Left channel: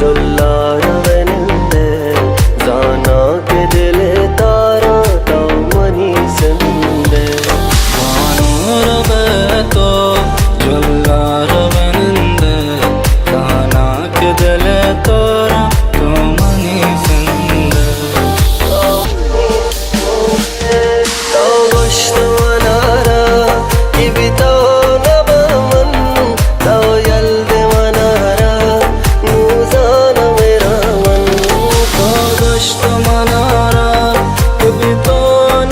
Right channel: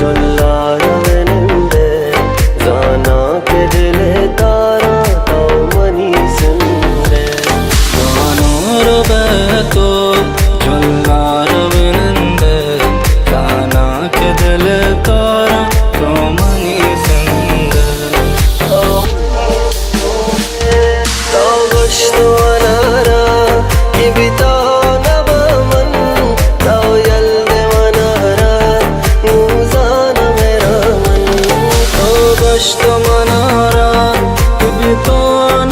जुल्ला रवनंदे जाना के दिले तारा तो मनी संदे वानूर बेतो जुल्ला रवनंदे जाना के दिले तारा तो मनी संदे तो गुश्तो अनारा की बितो नबमन तो यल्दे मनारा नूजाना मेरा मन तो गुश्तो मनारा की बितो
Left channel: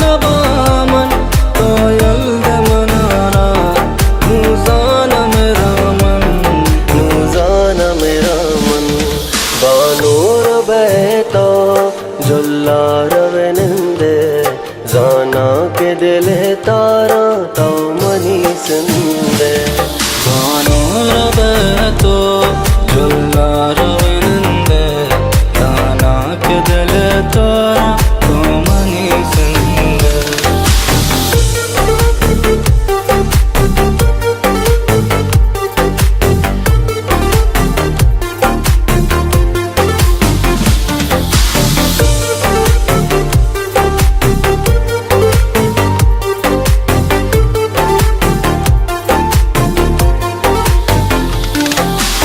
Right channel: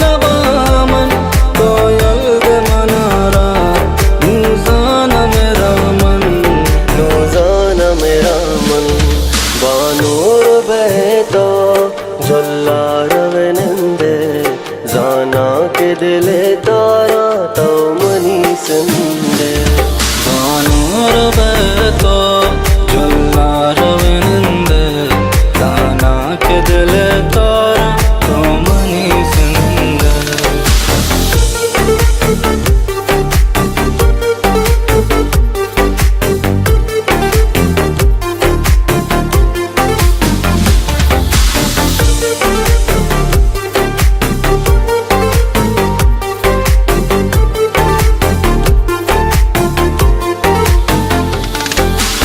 नबमन तो यल्दे मनारा नूजाना मेरा मन नूजाना मेरा मन बानूर बहतो जुल्ला रवनंदे जाना के दिले तारा तो मनी संदे वानूर बेतो जुल्ला रवनंदे जाना के दिले तारा तो मनी संदे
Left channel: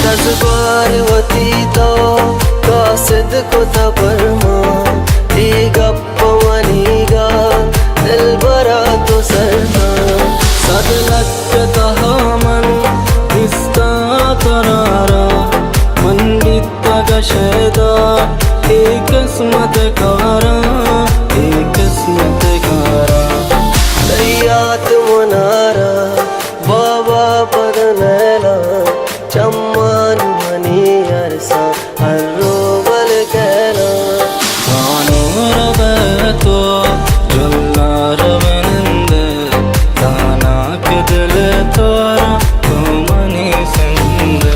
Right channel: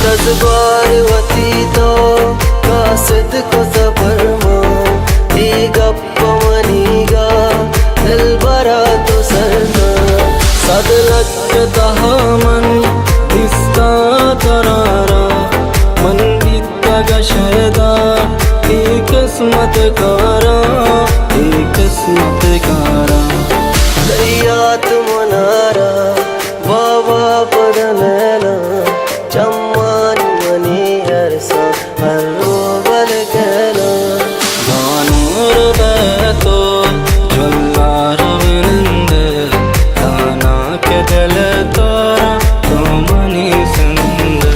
दसबार वती तो कासिद को सबरमा ई गप्प मनीगा दिल बरा तो सरता सद लक्क दहामन दिस्ता तरारा मन बित्ता गशेदा एक किस्मत कारा एक किस्मत कारा दरियात मनारा बाबा पदनैला चम्मान मनी अरसा हर रोबल कहना वानूर बेतो जुल्ला रवनंदे जाना के दिले तारा तो मनी संदे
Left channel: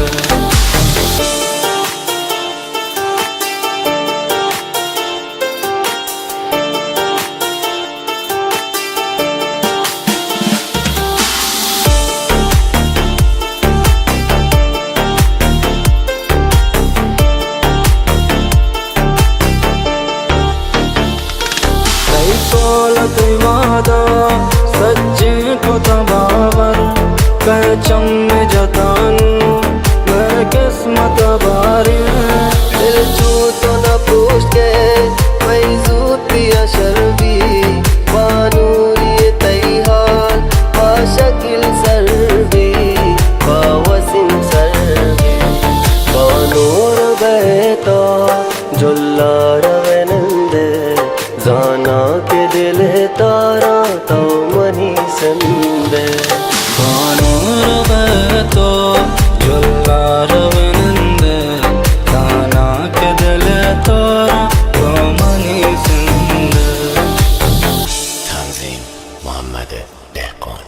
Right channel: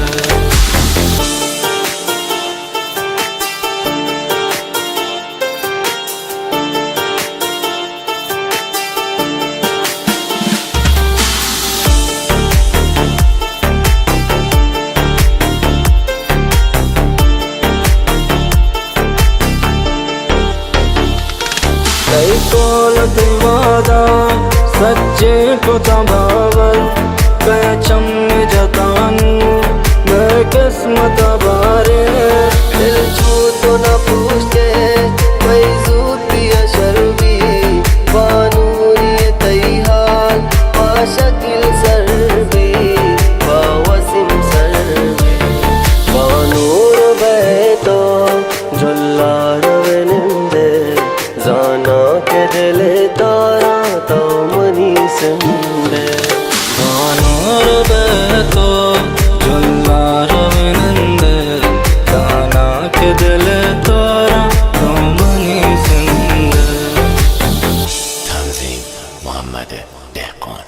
कई कौल कई वादा सच्चे को तबावर कह चम्मे जतानू मैं किस्मत बारे दिल छू तो न पूछ के कोई जूती अशरबी बानूरी तई हाल पाशकिल सरबी बावसिम सरबी बानूर बहतो जुल्ला रवनंदे जाना के दिले तारा तो मनी संदे वानूर बेतो जुल्ला रवनंदे जाना के दिले तारा तो मनी संदे Tanzim Muhammad Dehqan